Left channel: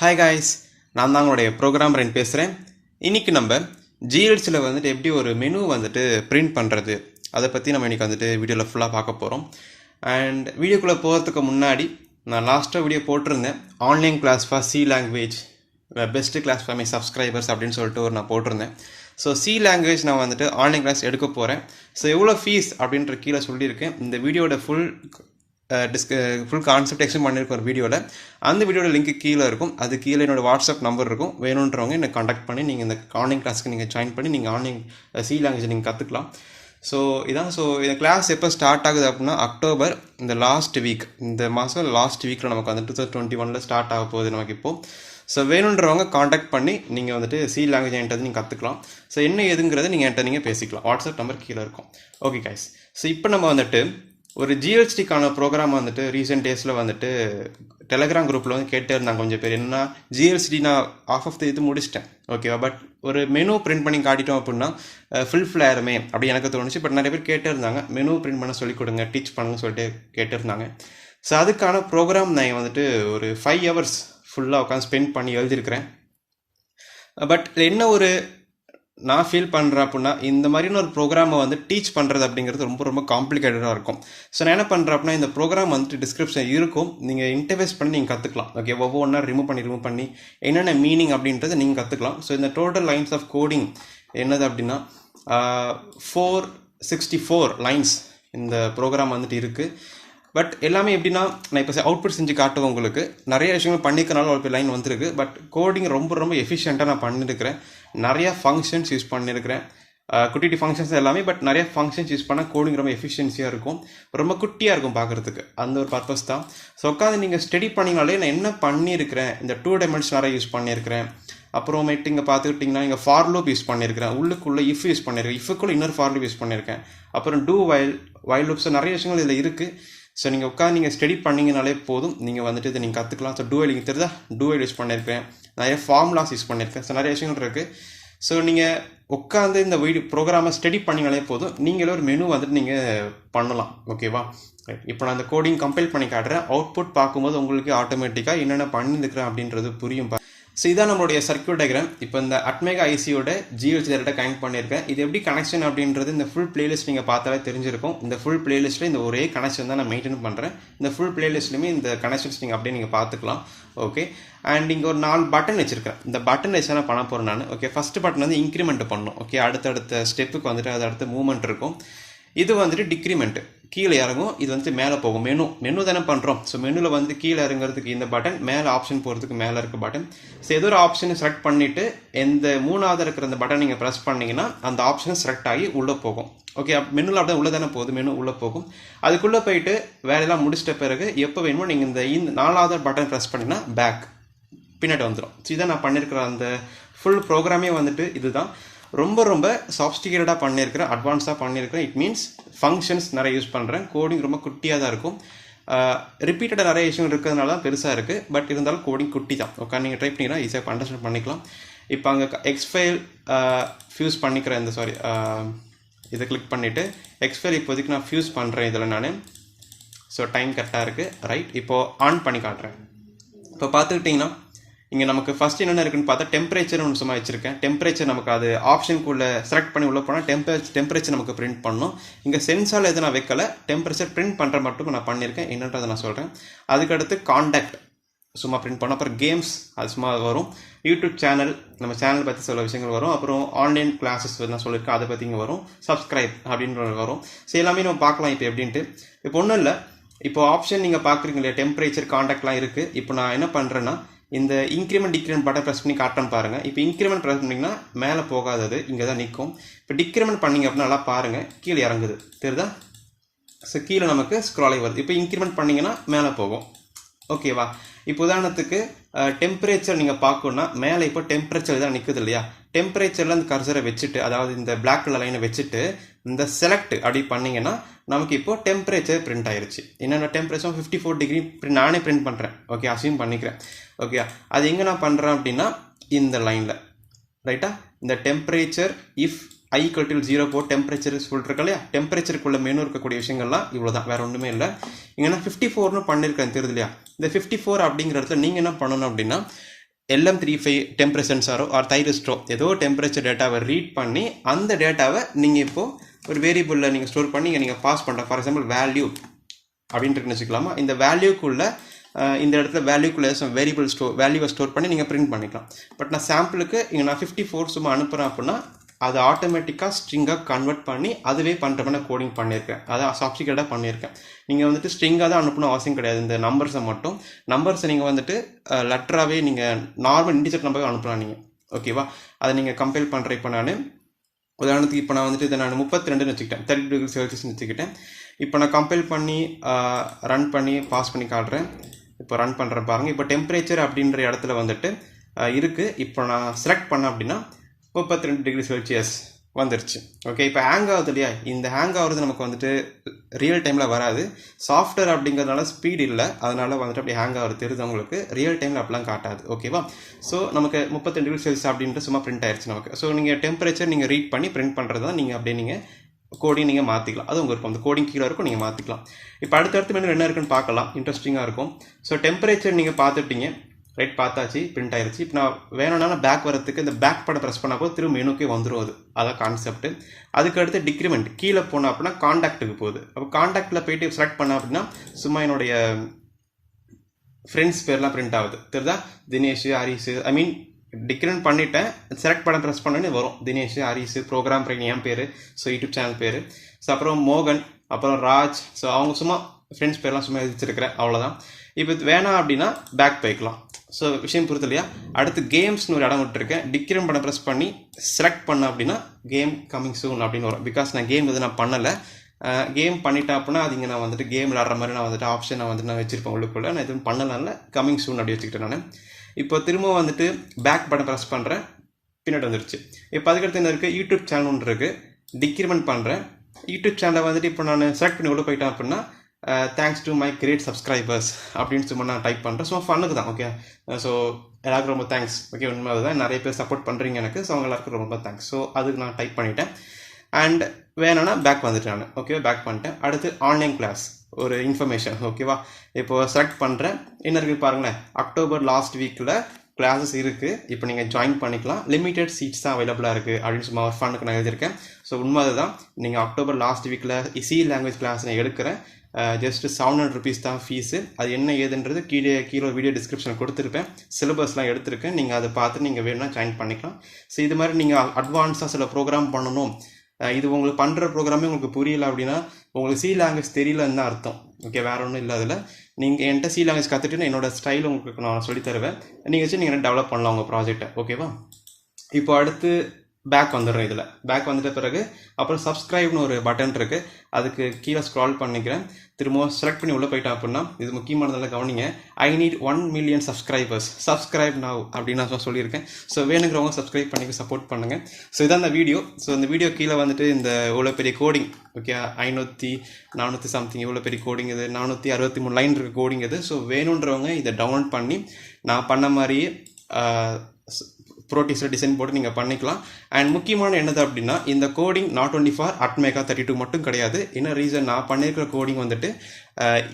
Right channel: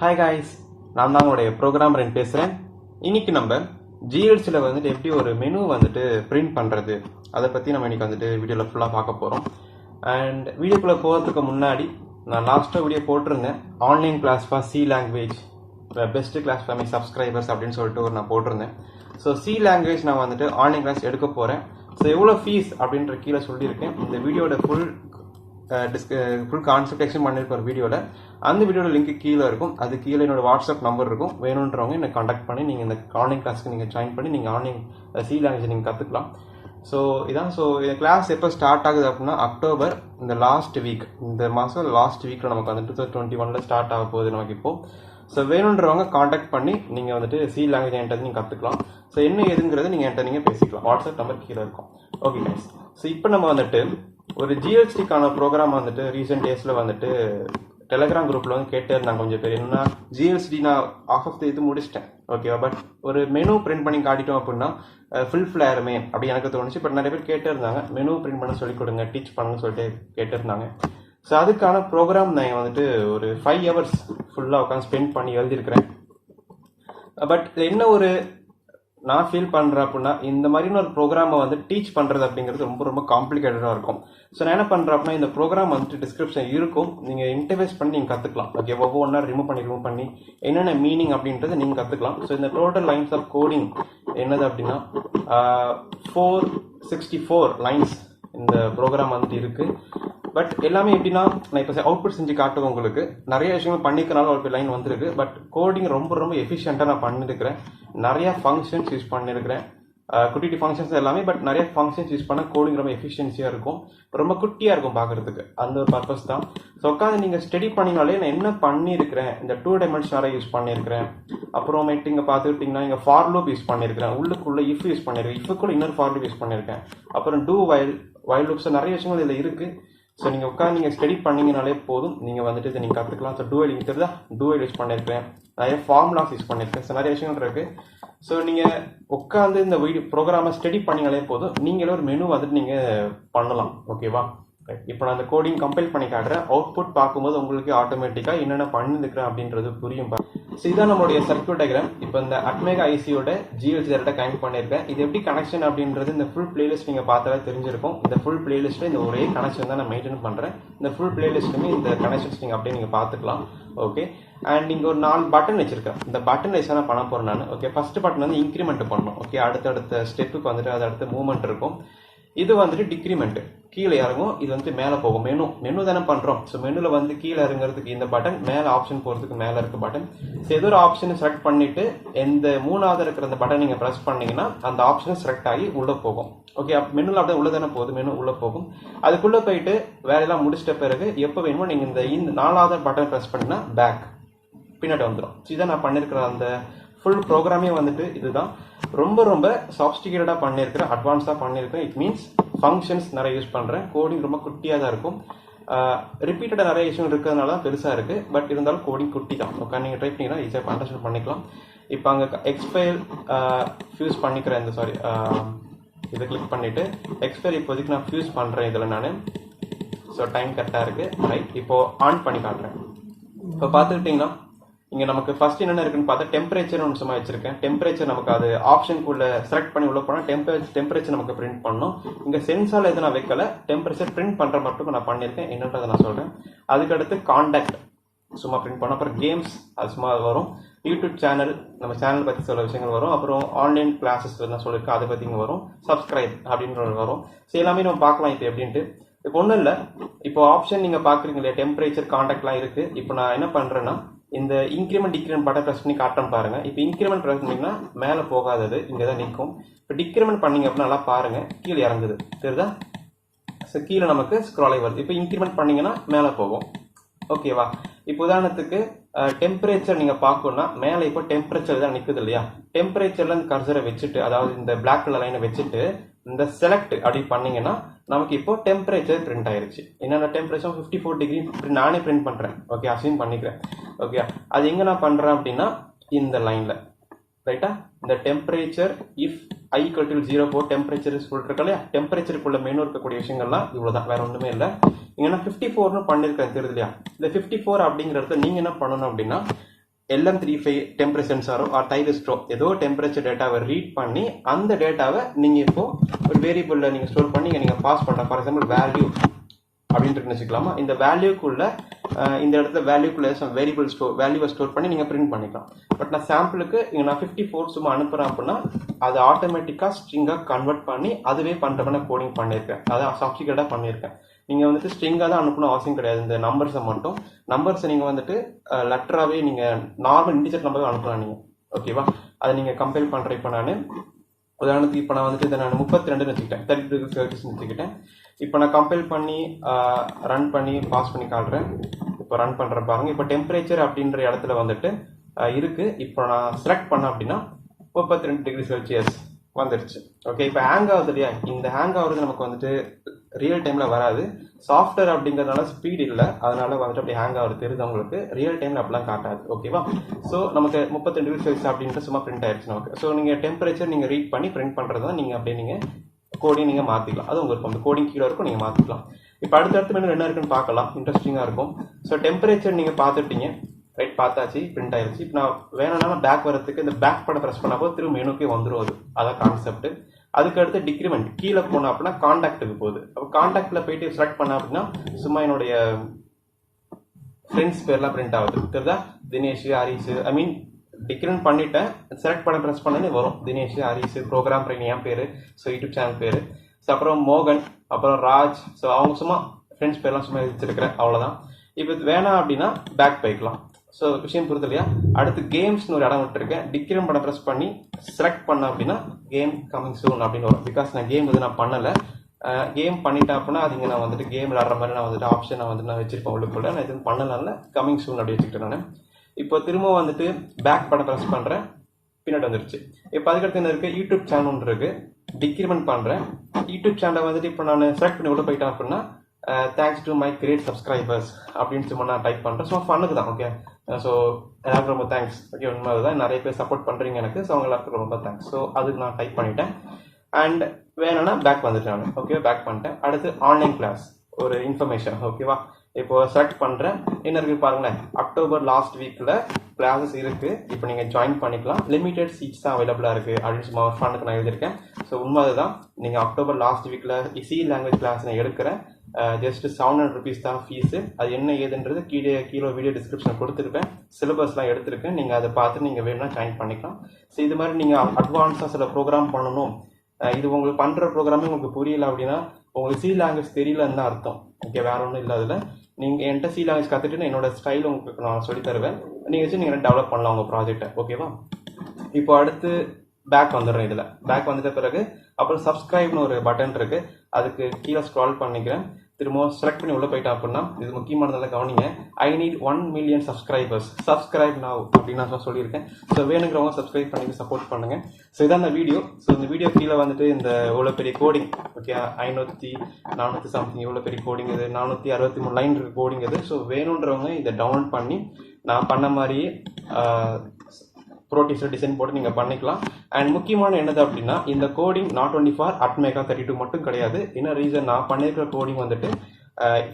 Hi guys, நான் தான் உங்களுடைய ப்ரோக்ராமர் பேசுகிறேன். இன்றைக்கி நம்ம ஜிஎல்சியில் வந்துட்டு எப்படி ஒரு மெனு வந்துட்டு பிரிண்ட் பண்ணுறது அதை பற்றி நம்ம இன்றைக்கி வந்துட்டு வீடியோவில் ஃபுல்லாக பார்க்க போகிறோம். அண்ட் வீடியோக்குள்ளே போகிறதுக்கு முன்னாடி நான் லாஸ்ட்டாக வீடியோ போட்டிருந்தேன், online class for C language best class for my subscribers அப்படின்னு சொல்லிட்டு நான் போட்டிருந்தேன். ஸோ சி லாங்குவேஜ் நான் வந்துட்டு ஆன்லைன் கிளாஸ் எடுக்க போகிறேன். ஸோ எவ்வளோ ஃபீஸ் அப்படின்ற கீழே சொல்லியிருக்கேன். இந்த வீடியோட ஃபுல் கான்செப்ட் எக்ஸ்பிளைன் பண்ணியிருக்க ஒரு வீடியோவில், அந்த வீடியோட லிங்க் கீழே இருக்கும். அது கீழே என்னோட வாட்ஸ்அப் நம்பர் இருக்கும். வேணுன்றவங்க என்னை காண்டாக்ட் பண்ணி நீங்கள் இந்த ஆன்லைன் கிளாஸ்க்கு நீங்கள் ஜாயின் பண்ணி நீங்கள் ஆன்லைன் சி லாங்குவேஜ் நீங்கள் கற்றுக்கலாம். ஸோ இந்த கிளாஸ் எப்போ ஸ்டார்ட் ஆகுது அப்படின்னா அக்டோபர் இந்த லாஸ்ட் வீக், இந்த மாதம் லாஸ்ட் வீக்கில் நமக்கு வந்து 2021 ஸ்டார்ட் ஆக போகுது நமக்கு இப்போது. ஸோ வேணுன்றவங்க காண்டாக்ட் பண்ணி நீங்கள் வந்துட்டு சி லாங்குவேஜ் என்கிட்ட நீங்கள் கற்றுக்கலாம். ஸோ என்ன எதுங்கிறது நீங்கள் என்கிட்ட நீங்கள் பேசிக்கலாம். வாட்ஸ்அப் நம்பர் கீழே இருக்கும். ஓகே கைஸ், ஸோ இப்போ நம்ம வந்துட்டு ஒரு ஜிஎல்சிக்கான ப்ரோக்ராம் வந்துட்டு ரீசெண்ட் டேஸில் வந்துட்டு டெலகிராம் குரூப்பில் வந்து கேட்டே இருந்தாங்க கொஞ்சம் பேர். என்னன்னா ஜிஎல்சிடி நான் ஆஃப் ஆஃப் த இது முடிச்சிட்டேன், ஓகேவா, பட் ஒரு மெனு பிரிண்ட் பண்ணி காட்டிட்டோம் அப்படின்னா ஃபுல்ஃபில்லாயிருமே அப்படி எனக்கு தோணுச்சு. பட் நிறைய பேர் கேட்டே இருந்தாங்க, மெனு பிரிண்ட் பண்ண சொல்லிக் கொடுங்க, டீச் பண்ணுங்க சொல்லிட்டு கேட்டே இருந்தாங்க. ஸோ அதுக்கான ப்ரோக்ராம் நான் வந்துட்டு ஒரு 5 hours ஃபுல்லாக உட்காந்து ஸ்பெண்ட் பண்ணி எழுதியிருக்கிறேன். பட் என்ன ஒரு நான் ஃபீல் பண்ணுறேன் அப்படின்னா, இந்த மாதிரியான ஒரு ப்ரோக்ராமை வந்து டீச் பண்ணுறது அப்படிங்கிறது ரொம்ப ரொம்ப காம்ப்ளிகேட்டடாக இருக்கும். ஸோ நான் என்ன பண்ணுறேன் அப்படின்னா, இந்த ப்ரோக்ராம் வந்துட்டு டிஸ்கிரிப்ஷன் இருக்கும், நீங்கள் இன்டர்ஃபேஸ் பண்ணி நீங்கள் கற்றுக்கலாம். ஓகே, ஒவ்வொன்றா ரிமூவ் பண்ணி என்னென்ன மீனிங் அப்படின்றத நீங்கள் கற்றுக்கலாம். ஸோ இந்த டோட்டல் லைன்ஸ் ஆஃப் கோடிங் என்னது அப்படின்னா 464 லைன்ஸ் இந்த ப்ரோக்ராம் வந்துட்டு இருக்குது. பட் எல்லாமே எப்படின்னா, நான் இப்போ அவுட்புட் செஞ்சு காட்டுவேன் உங்களுக்கு. நிறைய விஷயங்கள் பண்ணிக்கிறனால ஒரு லைன் வந்துருக்கு. பட் கோடிங் ரொம்ப ரொம்ப எஃபிஷியண்ட்டாக நான் பண்ணியிருக்கிறேன். நிறையா ஃபங்க்ஷன்ஸ் யூஸ் பண்ணியிருக்கிறேன், குட்டி ஃபங்க்ஷன்ஸ் எல்லாமே. பட் நிறைய ஃபங்க்ஷன்ஸ் யூஸ் பண்ணால் கோடிங் ரொம்ப எஃபிஷியன்சியாக இருக்கும், ரொம்ப குட்டியாக இருக்கும் பார்க்குறதுக்கு. அந்த ஒரு பர்பஸ் தான். ஸோ உட்காந்து நீங்கள் ஸ்டடி பண்ணிங்கனாலே நான் என்ன பண்ணியிருக்கிறேன், இந்த 2 dimension நிறைய யூஸ் பண்ணியிருக்கிறேன். அப்புறமேட்டு இங்கே பார்த்துக்கிட்டிங்கன்னா இங்கே ஃபார் லூப் யூஸ் பண்ணியிருக்கிறேன், உள்ளுக்குள்ளே இஃப் யூஸ் பண்ணியிருக்கேன், இஃபுக்குள்ளே இன்னொரு ஃபார் லூப் யூஸ் பண்ணியிருக்கேன். அப்புறம் டூ வைல் லூப்ஸ், நிறைய விஷயங்கள் இதில் இருக்குது. ஸோ நீங்கள் உட்காந்து நீங்கள் ஸ்டடி பண்ணிங்கனாலே போதும், நீங்கள் வந்துட்டு இதை நீங்கள் கற்றுக்கலாம். ஸோ டூவைல் நீங்கள் தெரியுதா, டூவைல் யூஸ் பண்ணியிருக்கேன், நிறைய ஃபார்முலாஸ் யூஸ் பண்ணியிருக்கேன். ஸோ நிறைய விஷயங்கள் இருக்குது. ஸோ நீங்கள் உட்காந்து இந்த ப்ரோக்ராமை ஸ்டடி பண்ணிங்கனாலே போதும், நீங்களே ஒரு மெனு வந்துட்டு நீங்கள் பண்ணலாம். ஓகேவா, இப்போ நான் இந்த கோடிங் கம்பைல் பண்ணி காட்டுறேன். அவுட்புட் பார்க்கும்போது உங்களுக்கு ஆட்டோமேட்டிக்காக என்னென்ன பண்ணியிருக்கிறேன் அப்படின்றது புரியும். ஸோ இதான் நம்மளுடைய சர்க்யூட் டயக்ராம். இப்போ இந்த அட்மேகா ஐசியோட ஜிஎல்சி டேரக்டாக கனெக்ட் பண்ணியிருக்கேன். இது எப்படி கனெக்ஷன் அப்படின்றது இந்த ஃபுல் பிளேலிஸ்ட் நீங்கள் பார்த்தாலே தெரிஞ்சிருக்கும். இந்த ஃபுல் பிளேலிஸ்ட்டில் இந்த ஒரே கனெக்ஷன் தான் நான் மெயின்டைன் பண்ணுறேன். இந்த ஃபுல் பிளேலிஸ்ட்லையுமே இந்த கனெக்ஷன்ஸ் நீங்கள் அப்படியே நீங்கள் பார்த்துக்கலாம். ஓகே, அண்ட் இங்கே ஒரு 4 பட்டன் வச்சுருக்கேன். இந்த பட்டன் வச்சு நான் பண்ண போகிறேன் நான். ஓகே, ஃபஸ்ட்டு பட்டன் வந்து இன்க்ரிமெண்ட் பண்ணணும். ஓகே, அடுத்தடுத்த ஸ்டெப்புக்கு வந்துட்டு அது அடுத்த மூவ்மெண்ட் இருக்கும். இது வந்துட்டு டிக்ரிமெண்ட், கீழே இறங்கும். இது வந்து மேலே போகும். மெனு தானே பண்ணுறோம். ஸோ மெனுவில் வந்து கீழே இறங்குறதுக்கு இந்த பட்டன், மேலே ஆப்ஷன் போகிறதுக்கு மேலே இருக்க பட்டன். ஸோ ஏதோ ஒரு ஆப்ஷனை செலக்ட் பண்ணிவிட்டு இந்த 3வது இருக்கிற அந்த பட்டன் நீங்கள் ப்ரெஸ் பண்ணிங்கன்னா அந்த ஆப்ஷன் செலக்ட் ஆகி உள்ளே போகும். ஓகே, மெனுவில் அப்படியே உள்ளே தானே போகுது, மெனு உள்ளே போகும். அதுக்குள்ளே போயிட்டு வேலையெல்லாம் முடிச்சிட்ட பிறகு எப்போ வேணுமோ நீங்கள் இந்த 4வது பட்டன் ப்ரெஸ் பண்ணிங்கன்னா பேக் பின்னாடி வந்துடும். ஸோ இதை நான் பண்ணியிருக்கிற அந்த ஃபுல் ப்ரோக்ராமே வந்துட்டு இதுதான். ரொம்ப ரொம்ப சாஃப்டிகேட்டடாக பண்ணியிருக்கிறேன், அட்வான்ஸாக பண்ணியிருக்கிறேன். இட் மீன்ஸ் ஃபங்க்ஷன்ஸ் நிறைய யூஸ் பண்ணுறேன். கோடிங் ரொம்ப குட்டியாக தான் இருக்கும். ரிப்பீட்டடாக நிறைய விஷயம் இருக்கிறதுனால தான் பெருசாக இருக்குது. பட் இருந்தாலும் கோடிங் குட்டி தான். ஓகே, நீங்கள் ட்ரை பண்ணிங்கன்னா ஈஸியாக அண்டர்ஸ்டாண்ட் பண்ணிக்கலாம். இப்போ அங்கே எக்ஸ்ஃபைல் ஃபியூஸ் பண்ணிக்கிறேன். இதை கிளிக் பண்ணிவிட்டு எக்ஸ்ஃபைல் இப்போதைக்கு நான் ஃபியூஸ் பண்ணுறேன் இதில் நான். ஸோ டைம் கரெக்டாக இருக்குது. ரைட், இப்போது ஆன் பண்ணி காட்டுறேன். இப்போ பார்த்துக்கிட்டிங்கன்னா இங்கே நமக்கு ஃபஸ்ட் என்னென்ன இருக்குன்னு பார்த்தா டெம்பரேச்சர் ஒன்று சும்மா வச்சுருக்கேன். டெம்பரேச்சர் நமக்கு அது ஆப்ஷனுக்குள்ளே செலக்ட் பண்ணி உள்ளே போனால் டெம்பரேச்சர் நமக்கு பிரிண்ட் பண்ணணும். இங்கே சென்சாரில் எதுவும் நான் வைக்கலை, டெம்பரேச்சர் பிரிண்ட் பண்ணுற மட்டும் நான் பண்ணியிருக்கேன். என்னன்றதை நான் சொல்கிறேன். அதுக்கடுத்து காண்டாக்ட் சும்மா பிரிண்ட் பண்ணோம். அப்புறம் கேம்ஸ் அது சும்மா வரும். யூடியூப் சேனல், நம்ம சேனல் பற்றி சில விஷயங்கள் வரும். அப்புறம் ஆன்லைன் கிளாஸஸ் நான் சொல்லியிருக்கேன், அதை பற்றி இங்கே வரும். சப்ஸ்கிரைப் அப்படின்ற வரும். ஸோ எல்லாமே நம்ம பார்க்கலாம் இப்போ எப்படின்ட்டு. இப்போ ஒன்றும் இல்லை, இப்போ ஆப்ஷன் நீங்கள் பார்க்குறீங்க இல்லையா, டெம்பரேச்சர் காண்டாக்ட்லாம் இருக்குது. இப்போ நான் என்ன பண்ணுறேன்னா இந்த இன்க்ரிமெண்ட் டிக்ரிமெண்ட் பட்டன் ப்ரெஸ் பண்ணி காட்டுறேன் பாருங்கள். இப்போ இன்க்ரிமெண்ட் ப்ரெஸ் பண்ணிங்கன்னா மேலே போகாதது இங்கே தான் நிற்கும். இப்போ டிக்ரிமெண்ட் பண்ணிங்க அப்படின்னா நல்லா பாருங்கள், கீழே இறங்குது தெரியுதா. ஸோ கீழே நமக்கு ஸ்க்ரால் ஆகி வருது. இப்போ இன்க்ரிமெண்ட் பண்ணிங்கன்னா மேலே போகும். ஓகேவா, இப்போ உதாரணத்துக்கு டெம்பரேச்சர் நீங்கள் பார்க்கணுன்னா மேலே இப்போ டெம்பரேச்சர் தான் நிற்குது இல்லையா. டெம்பரேச்சரில் இந்த கர்சரை வச்சுட்டு, அதாவது இந்த பிளாக் கலர் லைனை வச்சுட்டு இந்த செலக்ட் அப்படி பண்ணிங்கன்னா நமக்கு இப்போ டெம்பரேச்சர் பிரிண்ட் ஆயிருச்சு. என்னென்ன டெம்பரேச்சர் 54 டிகிரி நானே பிரிண்ட் பண்ணுறேன். ஓகே, அசியூம் பண்ணிக்கிறேன். ஓகே, அது எங்கே நான் பண்ணுறேன் அப்படின்னா இந்த லைனில் ரைட்டா. இந்த டெம்பரேச்சர் இஃப் i = 0 போ டெம்பரேச்சர் சொல்லிட்டு இல்லையா. டெம்பரேச்சருக்குள்ள மெனு இருக்கக்கூடிய விஷயங்கள்லாம் இவ்வளோ தான், வேறு ஒன்றுமே இல்லை. இங்கே நான் 54னு பண்ணியிருக்கேன் தெரியுது இல்லையா. இந்த 54 அப்படிங்கிற இடத்துல நீங்கள் என்ன பண்ணணும் அப்படின்னா LM35 டெம்பரேச்சர் சென்சாரோ ஆர் தைரிஸ்டோ ஏதோ டெம்பரேச்சர் டேட்டாவை ரீட் பண்ணி அந்த டேட்டாவை நீங்கள் இப்போது ஒரு வேரியபிளில் நீங்கள் ஸ்டோர் பண்ணி நீங்கள் பாஸ் பண்ணுறோம். ஃபார் எக்ஸாம்பிள் வேல்யூ அப்படின்ட்டு வச்சுக்கலாமா, இந்த வேல்யூக்குள்ளே இந்த இடத்துல வேல்யூக்குள்ளே வேல்யூவை ஸ்டோர் பண்ணி நீங்கள் பிரிண்ட் பண்ணிக்கலாம். பட் நான் சாம்பிளுக்கு இங்கே நான் 54 சும்மா அனுப்புகிறேன் அப்படின்னா அது ஆட்டோமேட்டிக்காக ஸ்ட்ரிங்காக கன்வெர்ட் பண்ணி அதுவே பண்ணுற மாதிரி கோடிங் பண்ணியிருக்கேன். அதான் சப்ஸ்டிகேட்டாக பண்ணியிருக்கேன். நீங்கள் வந்துட்டு ஸ்ட்ரிங்காக தான் அனுப்பணும் அவசியம் கிடையாது. இந்த நம்பர்ஸை மட்டும் நம்பர்ஸை நீங்கள் வந்துட்டு லெட்டராகவே நீங்கள் நார்மல் இன்டிஜர் நம்பராக அனுப்பலாம் நீங்கள். ஓகேவா, அதை நீங்கள் கம்பைல் பண்ணுற. இப்போ நான் உதாரணத்துக்கு இப்போ நான் வந்துட்டு இதை நான் 32ன்னு வச்சுக்கிட்டேன், 30 டிகிரி செல்சியஸ்னு வச்சுக்கிட்டேன். இப்போ நான் கம்பைல் பண்ணி ரன் பண்ணி பாஸ் பண்ணி காட்டுறேன். இப்போ ரன் பண்ணுறேன் பாருங்கள். இப்போ டெம்பரேச்சர் அப்படின்ற இடத்துல வந்துட்டு இருக்குது. இப்போ நான் செலக்ட் பண்ணேன் அப்படின்னா 32 டிகிரி செல்சியஸ் வந்துருச்சு. ஓகே, இப்போ ஹேங் ஆகுது இல்லையா, இந்த ஹேங் ஆகுறது நமக்கு வந்துட்டு ரியல் டைமில் வராது. சாஃப்ட்வேர் அப்படிங்கிறதுனால ஸ்பீட் இல்லை, அதனால் வந்துட்டு அப்படி ஹேங் ஆகிறது தெரியுது உங்களுக்கு. ரியல் டைமில் அப்படிலாம் காட்டாது. ஓகேவா, ஸோ நமக்கு 32 டிகிரி செல்சியஸ் அப்படின்ட்டு சும்மா பிரிண்ட் ஆயிடுச்சு நமக்கு. ஸோ நீங்கள் டெம்பரேச்சர் நீங்கள் ரீட் பண்ணி பிரிண்ட் பண்ணுறது தான் நீங்கள் அப்படியே நீங்கள் கோடிங் நீங்கள் மாற்றிக்கலாம். அது உங்களுக்கு அந்த கோடிங் கீழே இருக்கும், நீங்கள் மாற்றிக்கலாம். இப்போ அடுத்தடுத்து மெனு என்ன இருக்குன்னு பார்க்கலாம், இன்ட்ரெஸ்டிங்காக இருக்கும். ஸோ டெம்பரேச்சர் நீங்கள் பார்த்துட்டீங்க, ரைட், பார்த்தாச்சு, பிரிண்ட் ஆயிடுச்சு. இப்போ நான் வேணும்னாலும் பேக் வரதுக்கு இந்த பேக் படம் ப்ரெஸ் பண்ணப்போ திரும்ப மெனுக்கே வந்துடும். அதான் கான்செப்ட். அதுக்கு அடுத்து டிக்ரிமெண்ட் கீழே போனோம் அப்படின்னா காண்டாக்டுக்கு போகுது. அப்போ காண்டாக்டில் போயிட்டு செலக்ட் பண்ண அப்படின்னா சும்மா என்னுடைய ஃப்ரெண்ட்ஸ் பேர்லாம் பிரிண்ட் ஆகுது. தெரியுதா, தினேஷ், ஹரிஷ், ஐ மீன் டிக்ரிமெண்ட் பண்ணிட்டேன், செலக்ட் பண்ண ப்ரெஸ் பண்ணி வரும் தினேஷ், ஹரிஷ், ப்ரோக்ராம் பிரைன் என் பேர், ஸோ யூடியூப் சேனல் பேர். ஸோ அப்புறம் மோகன், அப்புறம் ராஜ், ஸோ அவங்க சும்மா ஃப்ரெண்ட்ஸ் பேர்லாம் சும்மா வச்சுருக்கிறேன், அவ்வளோதான். இப்போ வேணாம் அப்படின்னா பேக் போய்க்கலாம். ஸோ விஷயம் புரியுது இல்லையா. அடுத்து கேம்ஸ்னு ஒரு இடம் விட்டுருக்கேன், டிக்ரிமெண்ட் பண்ண ப்ரெஸ் பண்ணி செலக்ட் பண்ண அப்படின்னா கேம் கமிங் சூன் அப்படின்னு வரும். பிகாஸ் நான் கேம் இது நான் பண்ணலை, கேம் பண்ணிட்டேன் அப்படின்னா அது இங்கே நான் வந்துட்டு கேம் விளாட்ற மாதிரி நான் வந்துட்டு ஆப்ஷனை வந்துட்டு நான் வச்சுருப்பேன் உள்ளுக்குள்ளே. நான் எதுவும் பண்ணலாம்ல, கமிங் சூன் அப்படி வச்சுக்கிட்டேன் நான். இப்போ திரும்ப வந்துட்டு பேக் பட்டன் ப்ரெஸ் பண்ணுறேன், பின்னாடி வந்துருச்சு. இப்போ அதுக்கடுத்து என்ன இருக்குது, யூடியூப் சேனல் ஒன்று இருக்குது, டிக்ரிமெண்ட் பண்ணுறேன். யூடியூப் சேனலை வந்துட்டு இப்போ நான் செலக்ட் பண்ணி உள்ளே போயிட்டேன் அப்படின்னா thanks to my great subscribers அப்படின்னு சும்மா நான் டைப் பண்ணுறேன். சும்மா ஃபன்னுக்கு தான். ஓகே, ஸோ எல்லாருக்கும் ரொம்ப தேங்க்ஸ். ஓகே, உண்மை தான், நிறைய பேர் சப்போர்ட் பண்ணுறீங்க எனக்கு, ஸோ அவங்க எல்லாருக்கும் ரொம்ப தேங்க்ஸ். ஸோ அதுக்கு நான் டைப் பண்ணிட்டேன். அண்ட் வேணும்னா பேக் வந்துட்டேன் நான். ஓகே, பேக் பண்ணிட்டேன். அடுத்து ஆன்லைன் கிளாஸ் ஒரு இன்ஃபர்மேஷன். ஓகேவா, இப்போ செலக்ட் பண்ணுறேன். என்ன இருக்குது பாருங்களேன், அக்டோபர் லாஸ்ட் வீக்கில் கிளாஸஸ் இருக்குது, இப்போ நீங்கள் ஜாயின் பண்ணிக்கலாம், லிமிடெட் சீட்ஸ் தான் அவைலபிளாக இருக்குது அப்படின்னு சும்மா ஒரு ஃபண்டுக்கு நான் எழுதியிருக்கேன். ஸோ உண்மை அதுதான், நீங்கள் அக்டோபர் லாஸ்ட் வீக்கில் சி லாங்குவேஜ் கிளாஸ் நான் எடுக்கிறேன். ஜஸ்ட் 700 rupees தான் ஃபீஸு. அது என்ன ஏதுன்றது கீழே வீடியோ டிஸ்கிரிப்ஷனில் கொடுத்துருப்பேன். சிலபஸ்லாம் எடுத்திருக்கேன், நீங்கள் அதை பார்த்து நீங்கள் வேணும்னா ஜாயின் பண்ணிக்கலாம். ஸோ இது மாதிரி நீங்கள் அட்வான்ஸாக சில ப்ரோக்ராம் பண்ணணும், இது உங்களுக்கு பண்ணுற ப்ரோக்ராமே உங்களுக்கு புரியல அப்படின்னா உங்களுக்கு சி லாங்குவேஜ் தெரியலன்னு தான் அர்த்தம். ஓகே, வேறு ஒன்றும் இல்லை. அதில் நீங்கள் என்கிட்ட சி லாங்குவேஜ் கற்றுட்டு என்னோட ஸ்டைல் உங்களுக்கு நான் சொல்லி தருவேன், நீங்கள் வச்சு நீங்கள் டெவலப் பண்ணலாம் உங்கள் ப்ராஜெக்டை. ஓகேவா, இப்போ அடுத்து பேக் வந்துடுறேன். இதில் பேக் வந்துட்ட பிறகு அப்புறம் சப்ஸ்கிரைப்னு ஒரு பட்டன் இருக்குது, அதுக்கு கீழே ஸ்க்ரால் பண்ணிக்கிறேன். திரும்பவும் செலக்ட் பண்ணி உள்ளே போயிட்டா அப்படின்னா இது முக்கியமானதெல்லாம் கவனிங்க, I need 1 million subscribers, subscribe now அப்படின்னு நான் சொல்லியிருக்கேன். ஸோ வேணுங்கிறவங்க சப்ஸ்கிரைப் பண்ணி சப்போர்ட் பண்ணுங்கள். ஸோ இதான் அந்த வீடியோ. ஸோ இந்த வீடியோ கீழே வந்துட்டு இந்த இவ்வளோ பெரிய கோடிங், ஓகே, 500 சம்திங் இவ்வளோ பெரிய கோடிங், இது 463 லைன் இருக்குது கோடிங் இது. ஸோ வேணுன்றவங்க இதை டவுன்லோட் பண்ணி நான் பண்ண மாதிரியே ப்ரோட்டீஸில் டிசைன் போட்டு நீங்கள் பண்ணிக்கலாம். அண்ட் முக்கியமான என்னது அப்படின்னா இந்த coding not only for ATMEGA32 மட்டும் கிடையாது. என்ன ரீசன், நான் பண்ணியிருக்கிற கோடிங் வந்துட்டு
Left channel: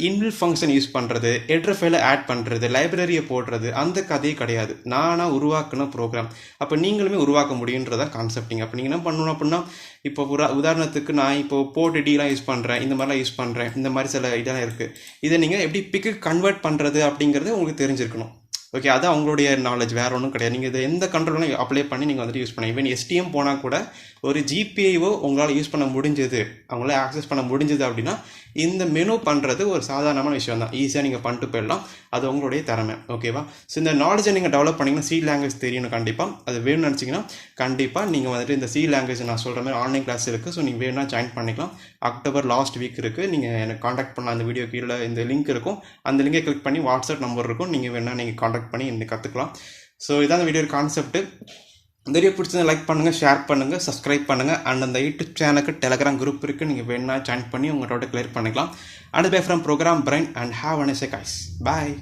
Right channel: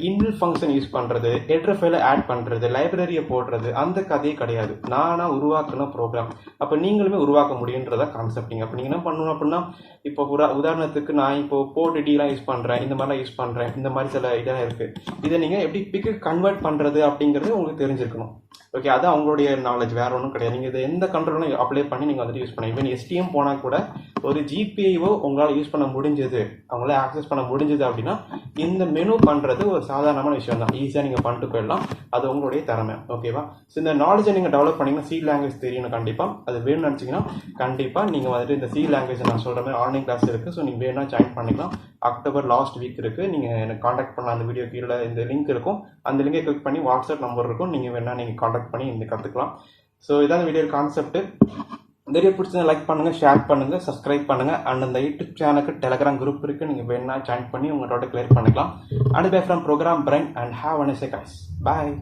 இன்பில்ட் ஃபங்க்ஷன் யூஸ் பண்ணுறது, ஹெடர் ஃபைலை ஆட் பண்ணுறது, லைப்ரரியை போடுறது, அந்த கதையே கிடையாது. நானாக உருவாக்குன ப்ரோக்ராம். அப்போ நீங்களுமே உருவாக்க முடியுன்றதா கான்செப்டிங். அப்போ நீங்கள் என்ன பண்ணணும் அப்படின்னா இப்போ உதாரணத்துக்கு நான் இப்போ போர்ட் யூஸ் பண்ணுறேன், இந்த மாதிரிலாம் யூஸ் பண்ணுறேன், இந்த மாதிரி சில இதெல்லாம் இருக்குது. இதை நீங்கள் எப்படி பிக்கு கன்வெர்ட் பண்ணுறது அப்படிங்கிறது உங்களுக்கு தெரிஞ்சிருக்கணும். ஓகே, அது அவங்களுடைய நாலேஜ், வேறு ஒன்றும் கிடையாது. நீங்கள் இதை எந்த கண்ட்ரோலும் அப்ளை பண்ணி நீங்கள் வந்துட்டு யூஸ் பண்ணலாம். ஈவன் STM போனால் கூட ஒரு GPIO உங்களால் யூஸ் பண்ண முடிஞ்சது, அவங்களால ஆக்சஸ் பண்ண முடிஞ்சது அப்படின்னா இந்த மெனு பண்ணுறது ஒரு சாதாரணமான விஷயம் தான், ஈஸியாக நீங்கள் பண்ணிட்டு போயிடலாம். அது உங்களுடைய திறமை. ஓகேவா, ஸோ இந்த நாலேஜை நீங்கள் டெவலப் பண்ணிங்கன்னா சி லாங்குவேஜ் தெரியணும் கண்டிப்பாக. அது வேணும்னு நினச்சிங்கன்னா கண்டிப்பாக நீங்கள் வந்துட்டு இந்த சி லாங்குவேஜ் நான் சொல்கிற மாதிரி ஆன்லைன் கிளாஸ் இருக்குது. ஸோ நீங்கள் வேணும்னா ஜாயின் பண்ணிக்கலாம். அக்டோபர் லாஸ்ட் வீக் இருக்குது, நீங்கள் எனக்கு காண்டாக்ட் பண்ணலாம். அந்த வீடியோ கீழே இந்த லிங்க் இருக்கும், அந்த லிங்கை கிளிக் பண்ணி வாட்ஸ்அப் நம்பர் இருக்கும், நீங்கள் வேணால் நீங்கள் காண்டாக்ட் பண்ணி இன்னும் கற்றுக்கலாம். ஸோ இதான் வீடியோ கான்செப்ட். வீடியோ பிடிச்சதை லைக் பண்ணுங்கள், ஷேர் பண்ணுங்கள், சப்ஸ்கிரைப் பண்ணுங்கள். அண்ட் அந்த யூடியூப் சேனலுக்கு டெலகிராம் குரூப் இருக்குது, நீங்கள் வேணா ஜாயின் பண்ணி உங்களோட கிளியர் பண்ணிக்கலாம். And bye from program brain and have a nice day guys. Bye.